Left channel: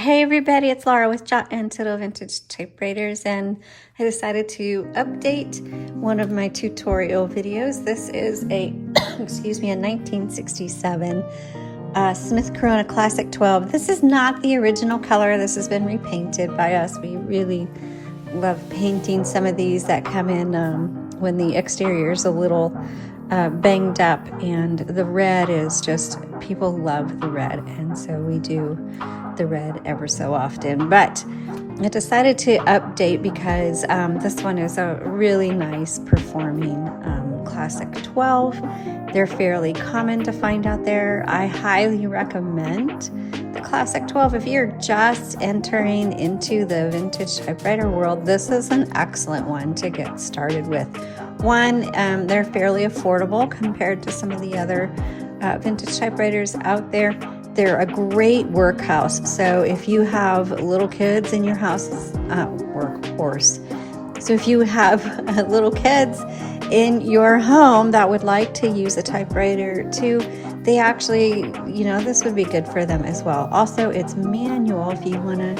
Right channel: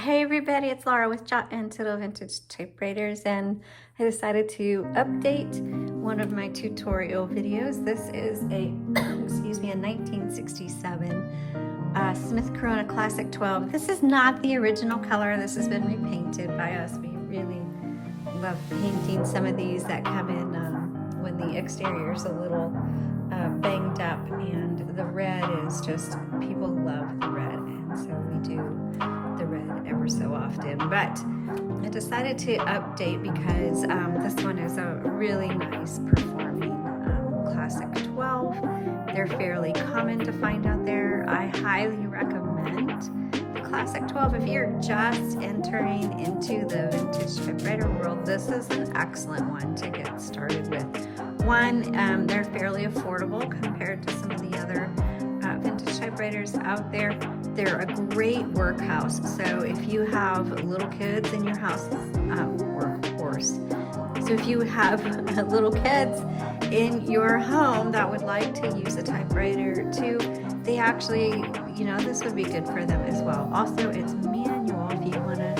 Hey everybody, it's Laura with Jot and Tittle Vintage Typewriters, and I decided to update one of my tutorial videos. This is a, excuse me, a 1967 Smith Corona Classic 12. This is not the original color. This has been repainted by us. We really love painting some of these that come in when the exterior is a little banged up, and the red is just, people love the red, and so we do the red ever so often. But I decided to update because this one is a really nice performing Classic 12. They're fairly common to find out there. I highly recommend the Classic 12. If you're just entering into the vintage typewriter world, this is an excellent one to get started with. One, they're fairly affordable compared to some of the other vintage typewriters out there. They're a great workhouse. So if you have little kids in your house, workhorse. So if you have little kids in your home that would like to use a typewriter too, they actually, you know, this would be good for them as well. Also, it's manual if you want to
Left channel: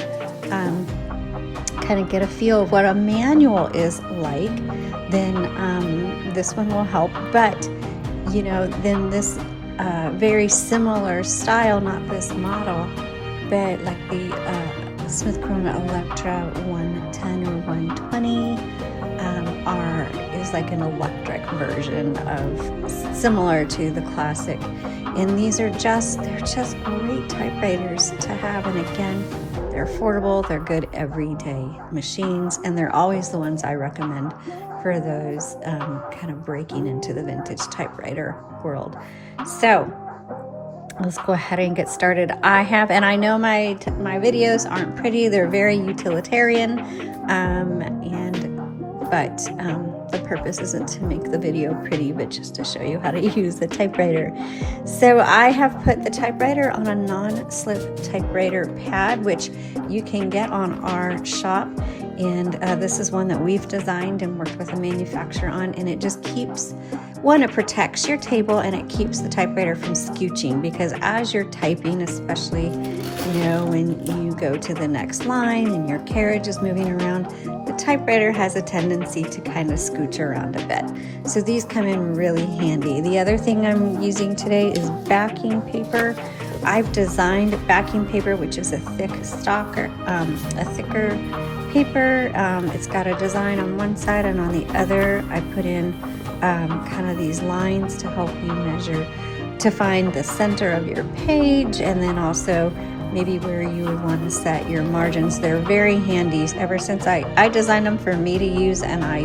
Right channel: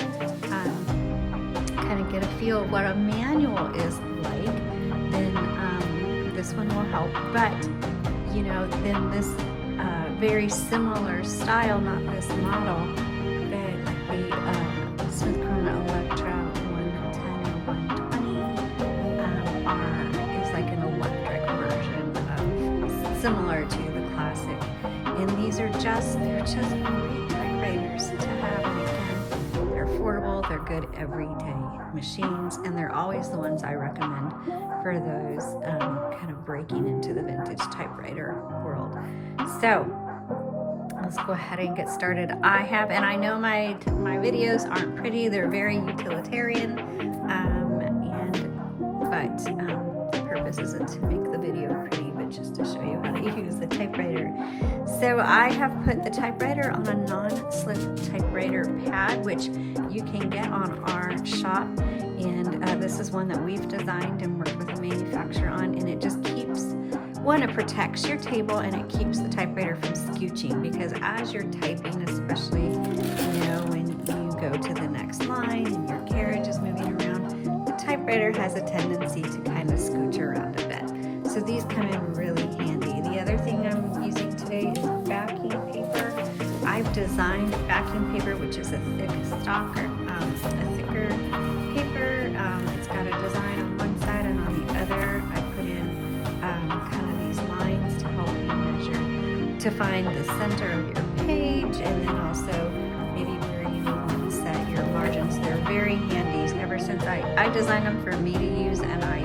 kind of get a feel of what a manual is like, then this one will help. But, you know, then this very similar style, not this model, but like the Smith Corona Electra 110 or 120 is like an electric version of similar to the Classic. And these are they're just great typewriters to have. And again, they're affordable, they're good everyday machines, and they're always the ones I recommend for those kind of breaking into the vintage typewriter world. So let's go ahead and get started. And I know my videos aren't pretty, they're very utilitarian, but the purpose isn't to make the video pretty, but just to show you how to use the typewriter. So I have put the typewriter on a non-slip typewriter pad, which you can get on our shop. And this is one that we've designed and worked with a manufacturer on, and it just keeps, one, it protects your table and it keeps the typewriter from scooching, because as you're typing, especially, you know, when you go to the next line and your carriage is moving around, the typewriter has a tendency to kind of scooch around a bit. So these come in really handy. The other thing I'm using today is backing paper. I've designed backing paper, which is a thick stock, or a thicker paper. It's got a design on one side, and on the other I put in kind of these lines to help you measure, to find the center of your page, and then also maybe where you would want to set your margins. They're very handy. Ever since I designed them for me to use, and I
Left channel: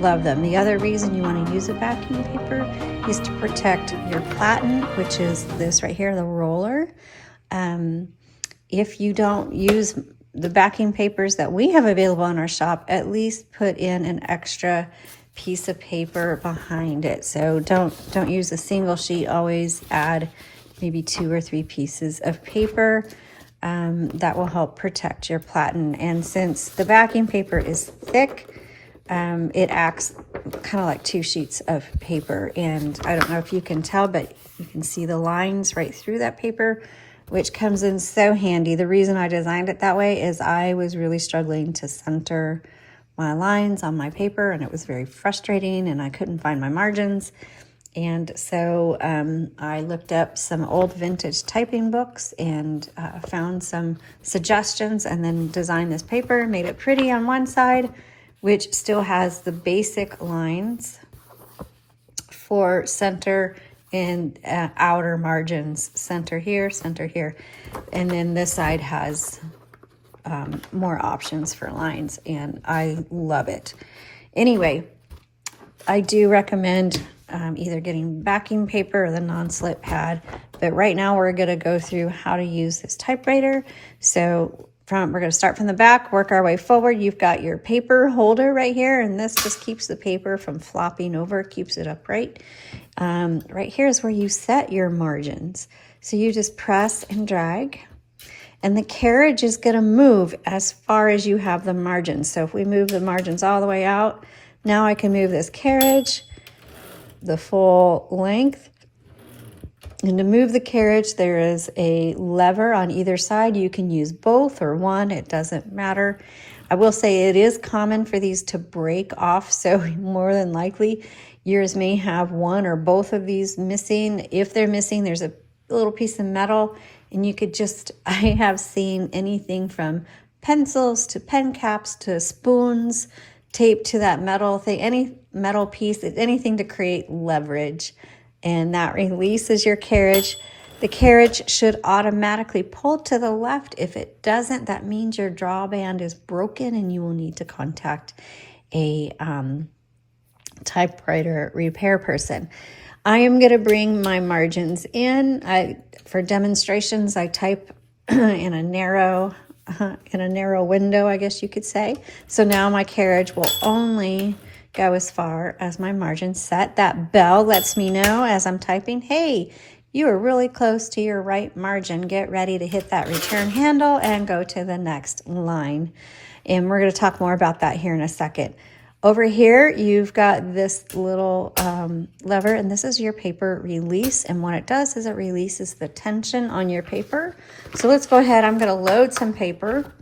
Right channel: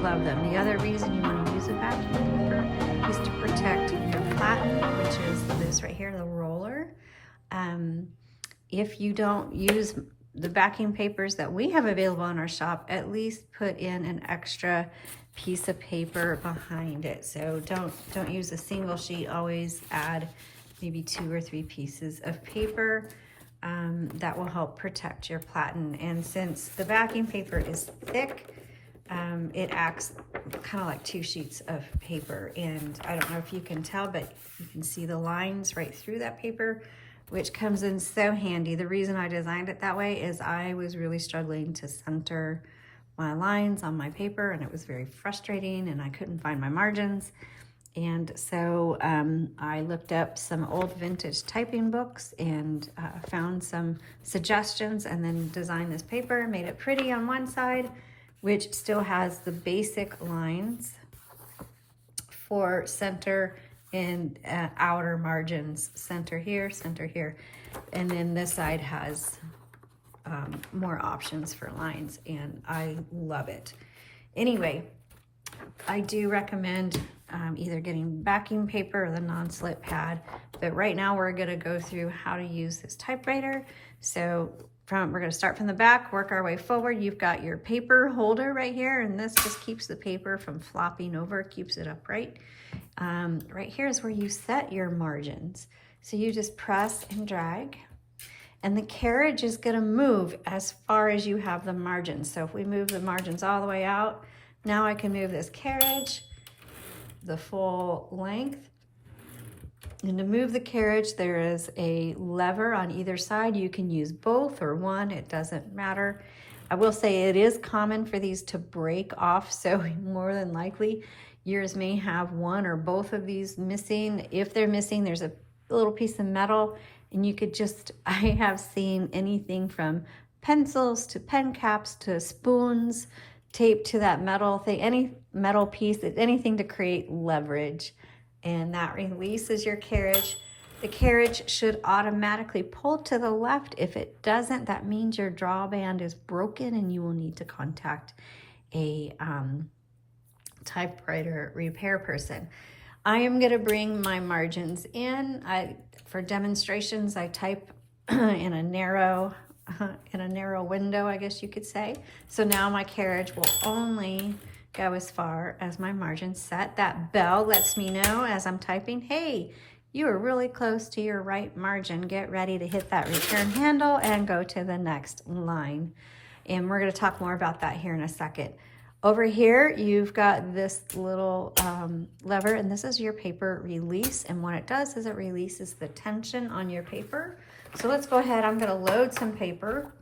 love them. The other reason you want to use a backing paper is to protect your platen, which is this right here, the roller. If you don't use the backing papers that we have available in our shop, at least put in an extra piece of paper behind it. So don't use a single sheet. Always add maybe 2 or 3 pieces of paper. That will help protect your platen. And since the backing paper is thick, it acts kind of like 2 sheets of paper. And I don't know if you can tell, but you can see the lines right through that paper, which comes in so handy. The reason I designed it that way is I was really struggling to center my lines on my paper, and it was very frustrating, and I couldn't find my margins. And so I looked up some old vintage typing books and found some suggestions, and then designed this paper, made it pretty on one side, which still has the basic lines for center and outer margins, center here, and then this side has more options for lines, and I love it. Anyway, I do recommend either getting backing paper or the non-slip pad, but right now we're going to go through how to use this typewriter. So we're going to start from the back, work our way forward. You've got your paper holder right here, and this just keeps the paper from flopping over, keeps it upright. Right here is where you set your margins. So you just press and drag, and the carriage is going to move as far as you have the margins. So if we move the margins all the way out, now I can move this carriage the full length, And to move the carriage, there is a lever on either side. You can use both or one, it doesn't matter. I will say it is common for these to break off, so more than likely yours may have one or both of these missing. If they're missing, there's a little piece of metal, and you could just, I have seen anything from pencils to pen caps to spoons taped to that metal thing, any metal piece, anything to create leverage. And that releases your carriage. The carriage should automatically pull to the left. If it doesn't, that means your drawband is broken and you will need to contact a typewriter repair person. I am going to bring my margins in. For demonstrations, I type in a narrow window, I guess you could say. So now my carriage will only go as far as my margin set. That bell lets me know as I'm typing, hey, you are really close to your right margin. Get ready to hit that return handle and go to the next line. And we're going to talk more about that here in a second. Over here, you've got this little lever, and this is your paper release. And what it does is it releases the tension on your paper. So let's go ahead. I'm going to load some paper.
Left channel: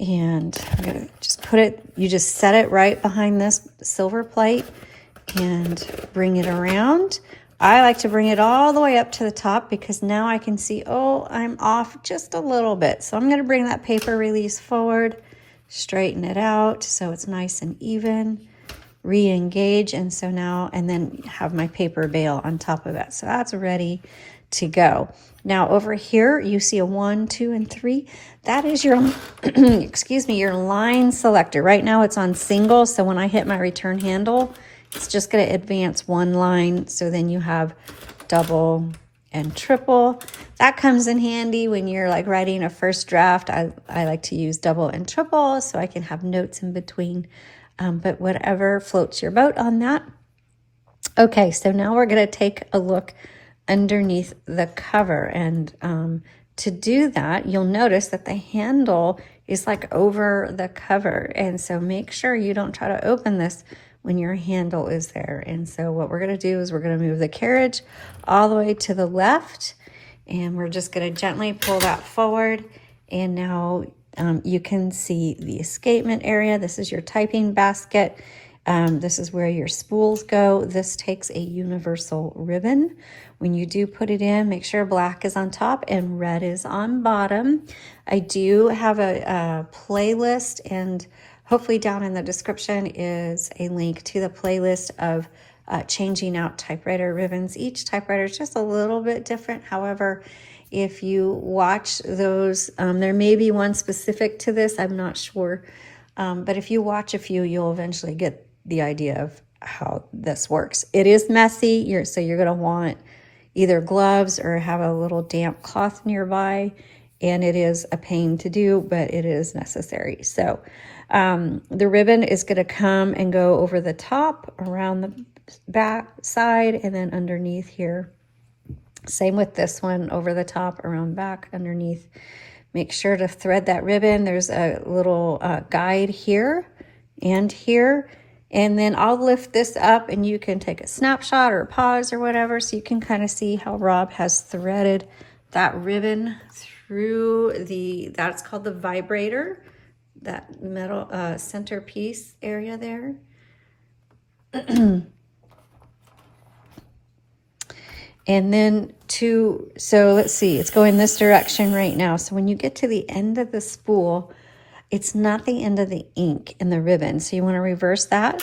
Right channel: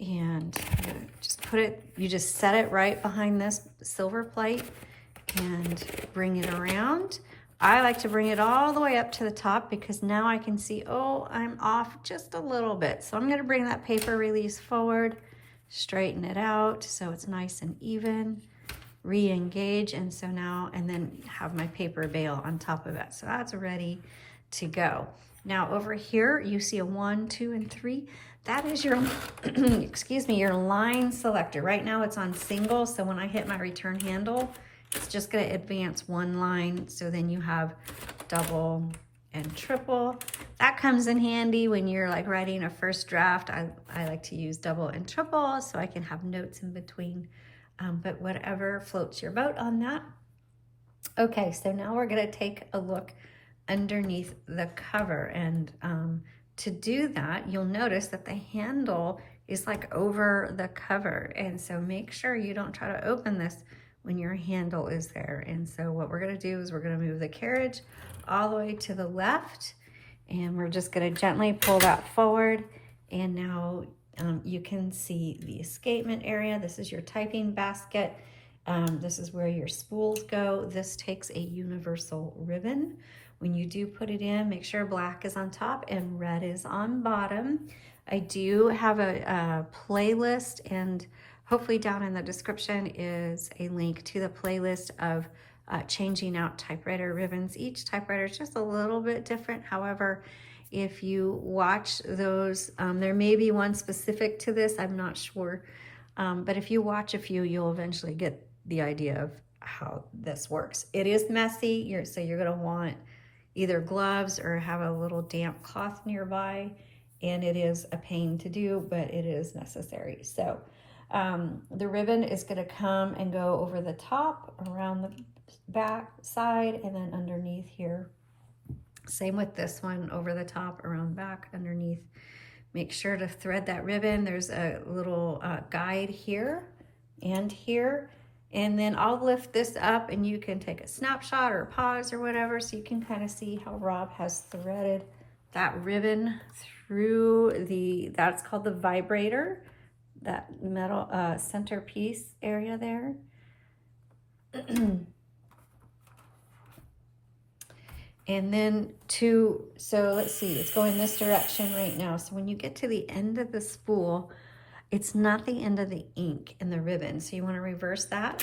And I'm going to just put it, you just set it right behind this silver plate and bring it around. I like to bring it all the way up to the top because now I can see, oh, I'm off just a little bit. So I'm going to bring that paper release forward, straighten it out so it's nice and even, re-engage, and so now, and then have my paper bail on top of it. So that's ready to go. Now over here, you see a 1, 2, and 3. That is your, excuse me, your line selector. Right now it's on single, so when I hit my return handle, it's just going to advance one line. So then you have double and triple. That comes in handy when you're like writing a first draft. I like to use double and triple so I can have notes in between. But whatever floats your boat on that. Okay, so now we're going to take a look underneath the cover. And to do that, you'll notice that the handle is like over the cover. And so make sure you don't try to open this when your handle is there. And so what we're going to do is we're going to move the carriage all the way to the left, and we're just going to gently pull that forward. And now you can see the escapement area. This is your typing basket. This is where your spools go. This takes a universal ribbon. When you do put it in, make sure black is on top and red is on bottom. I do have a playlist, and hopefully down in the description is a link to the playlist of changing out typewriter ribbons. Each typewriter is just a little bit different. However, if you watch those, there may be one specific to this, I'm not sure. But if you watch a few, you'll eventually get the idea of how this works. It is messy, so you're going to want either gloves or have a little damp cloth nearby. And it is a pain to do, but it is necessary. So the ribbon is going to come and go over the top, around the back side, and then underneath here. Same with this one, over the top, around back, underneath. Make sure to thread that ribbon. There's a little guide here and here. And then I'll lift this up and you can take a snapshot or a pause or whatever, so you can kind of see how Rob has threaded that ribbon through that's called the vibrator, that metal centerpiece area there. And then so let's see, it's going this direction right now. So when you get to the end of the spool, it's not the end of the ink in the ribbon. So you want to reverse that.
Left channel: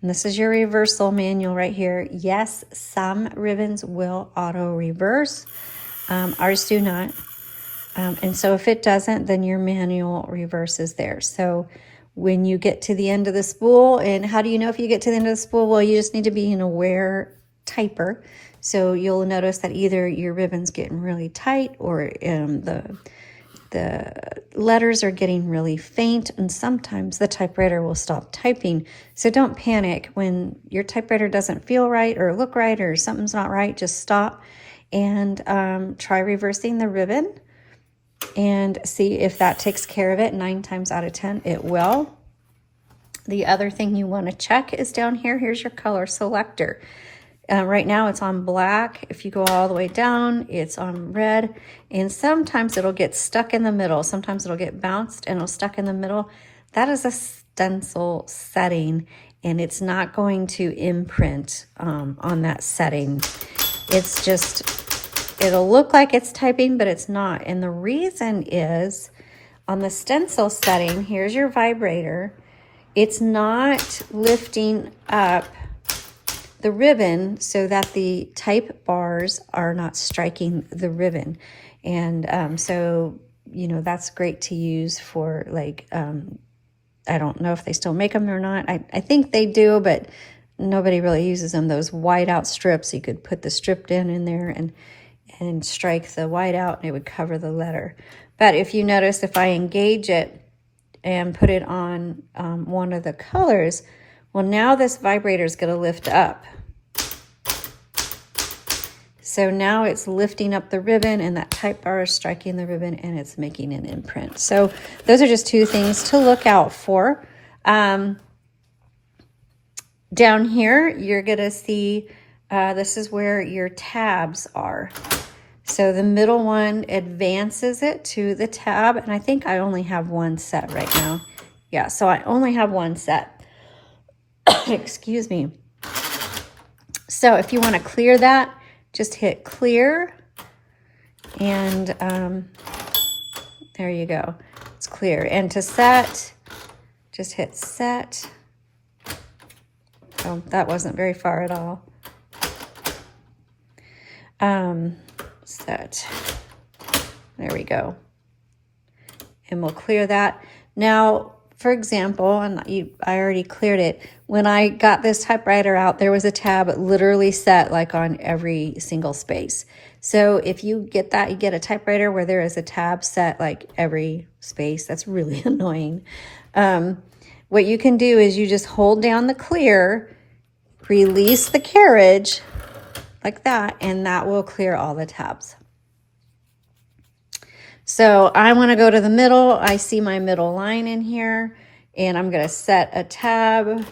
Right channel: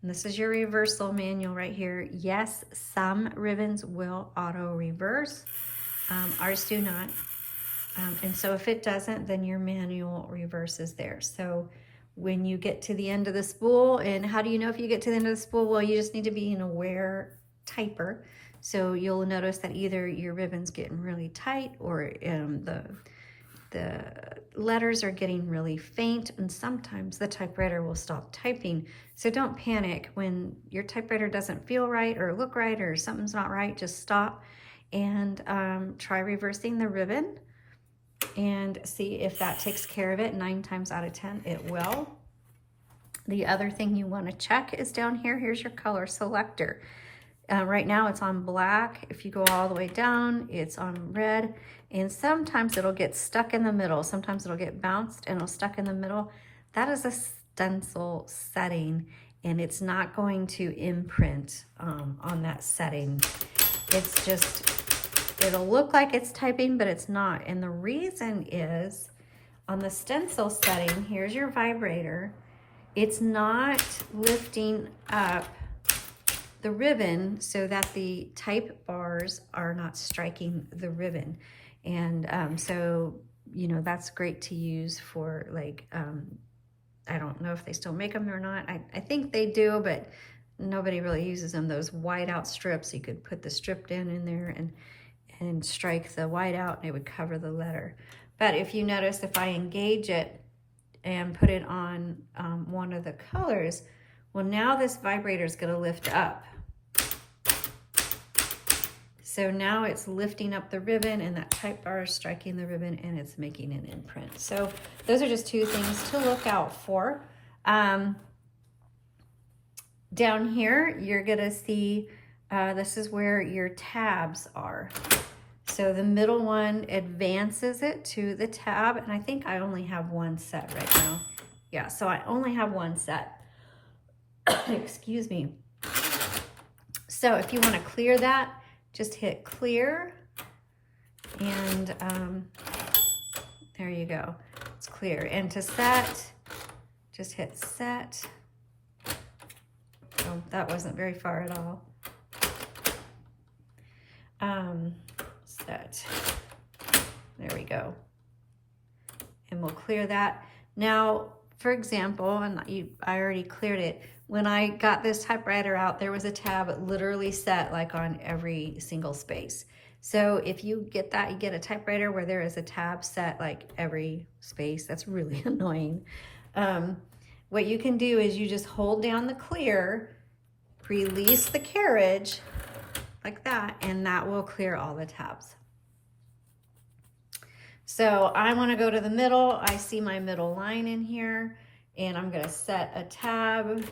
And this is your reversal manual right here. Yes, some ribbons will auto reverse. Ours do not. And so if it doesn't, then your manual reverses there. So when you get to the end of the spool, and how do you know if you get to the end of the spool? Well, you just need to be an aware typer. So you'll notice that either your ribbon's getting really tight, or the letters are getting really faint, and sometimes the typewriter will stop typing. So don't panic when your typewriter doesn't feel right or look right or something's not right. Just stop and try reversing the ribbon and see if that takes care of it. 9 times out of 10 it will. The other thing you want to check is down here. Here's your color selector. Right now it's on black. If you go all the way down, it's on red. And sometimes it'll get stuck in the middle. Sometimes it'll get bounced and it'll stuck in the middle. That is a stencil setting, and it's not going to imprint on that setting. It's just, it'll look like it's typing, but it's not. And the reason is, on the stencil setting, here's your vibrator. It's not lifting up the ribbon so that the type bars are not striking the ribbon. And so, you know, that's great to use for like, I don't know if they still make them or not. I think they do, but nobody really uses them. Those white out strips, you could put the stripped in there and strike the white out and it would cover the letter. But if you notice, if I engage it and put it on one of the colors, well, now this vibrator is going to lift up. So now it's lifting up the ribbon, and that type bar is striking the ribbon, and it's making an imprint. So those are just two things to look out for. Down here, you're going to see this is where your tabs are. So the middle one advances it to the tab, and I think I only have one set right now. Yeah, so I only have one set. Excuse me. So if you want to clear that, just hit clear, and there you go. It's clear. And to set, just hit set. Oh, that wasn't very far at all. Set. There we go. And we'll clear that. Now, for example, and I already cleared it. When I got this typewriter out, there was a tab literally set like on every single space. So if you get that, you get a typewriter where there is a tab set like every space. That's really annoying. What you can do is you just hold down the clear, release the carriage like that, and that will clear all the tabs. So I want to go to the middle. I see my middle line in here, and I'm going to set a tab,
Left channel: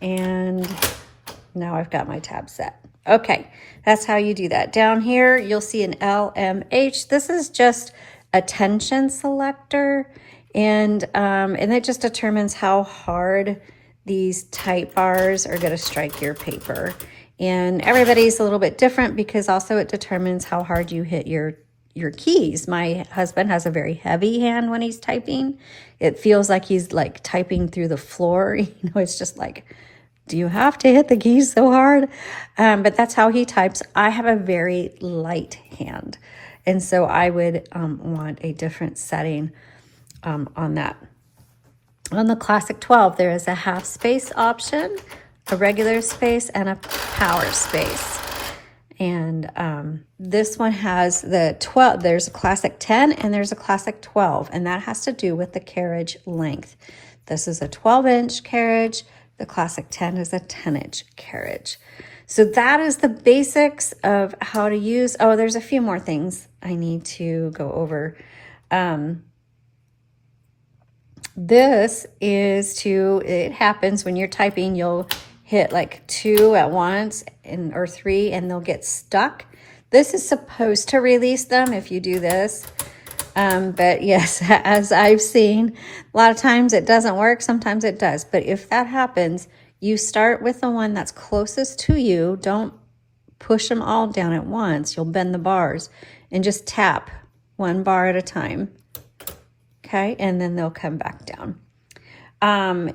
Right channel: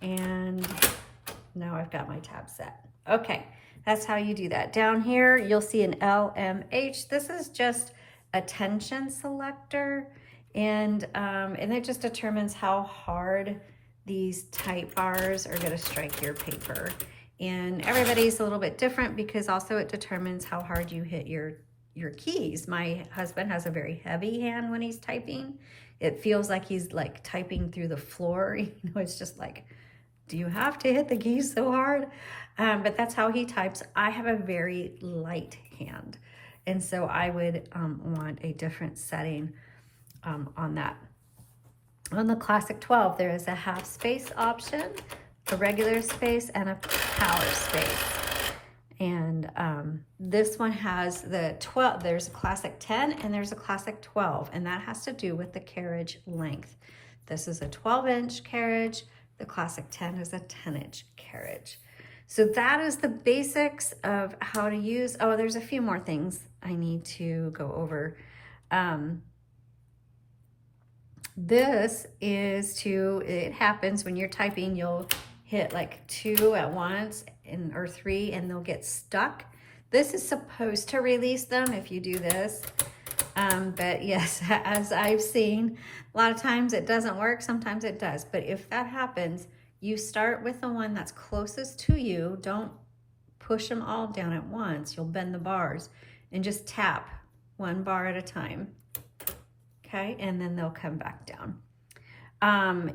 and now I've got my tab set. Okay, that's how you do that. Down here, you'll see an LMH. This is just a tension selector, and it just determines how hard these type bars are going to strike your paper. And everybody's a little bit different because also it determines how hard you hit your keys. My husband has a very heavy hand when he's typing. It feels like he's like typing through the floor. You know, it's just like, do you have to hit the keys so hard? But that's how he types. I have a very light hand, and so I would want a different setting on that. On the Classic 12, there is a half space option, a regular space, and a power space. And this one has the 12, there's a Classic 10 and there's a Classic 12, and that has to do with the carriage length. This is a 12-inch carriage. The Classic 10 is a 10-inch carriage. So that is the basics of how to use. Oh, there's a few more things I need to go over. This is it happens when you're typing, you'll hit like 2 at once or 3, and they'll get stuck. This is supposed to release them if you do this. But yes, as I've seen, a lot of times it doesn't work. Sometimes it does. But if that happens, you start with the one that's closest to you. Don't push them all down at once. You'll bend the bars, and just tap one bar at a time. Okay, and then they'll come back down.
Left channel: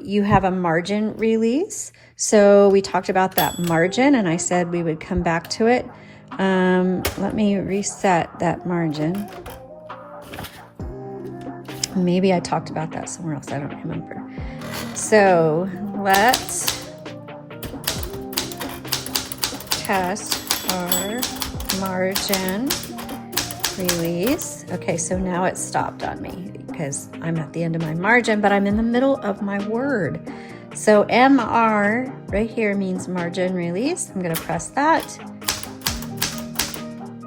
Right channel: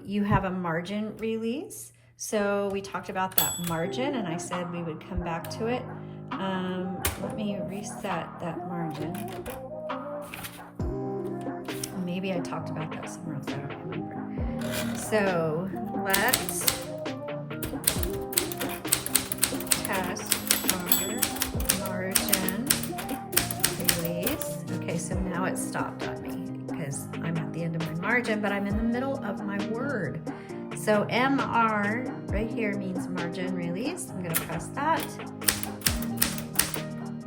You have a margin release. So we talked about that margin, and I said we would come back to it. Let me reset that margin. Maybe I talked about that somewhere else. I don't remember. So let's test our margin release. Okay, so now it's stopped on me because I'm at the end of my margin, but I'm in the middle of my word. So MR right here means margin release. I'm going to press that,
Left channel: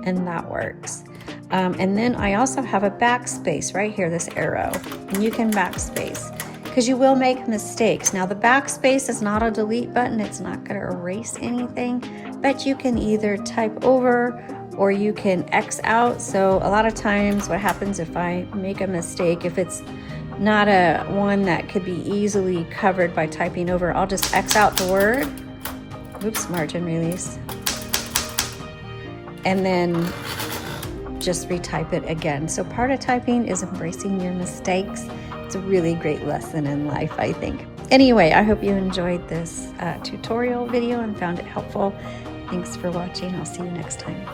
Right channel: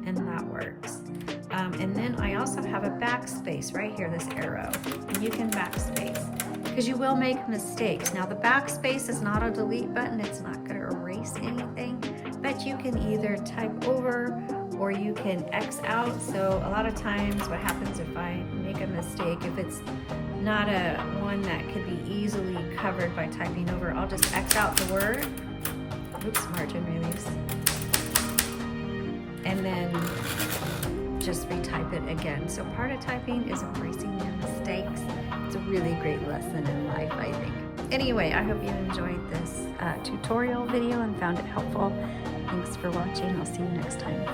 and that works. And then I also have a backspace right here, this arrow, and you can backspace because you will make mistakes. Now the backspace is not a delete button. It's not going to erase anything, but you can either type over or you can X out. So a lot of times what happens if I make a mistake, if it's not a one that could be easily covered by typing over, I'll just X out the word. Oops, margin release. And then just retype it again. So part of typing is embracing your mistakes. It's a really great lesson in life, I think. Anyway, I hope you enjoyed this tutorial video and found it helpful. Thanks for watching. I'll see you next time.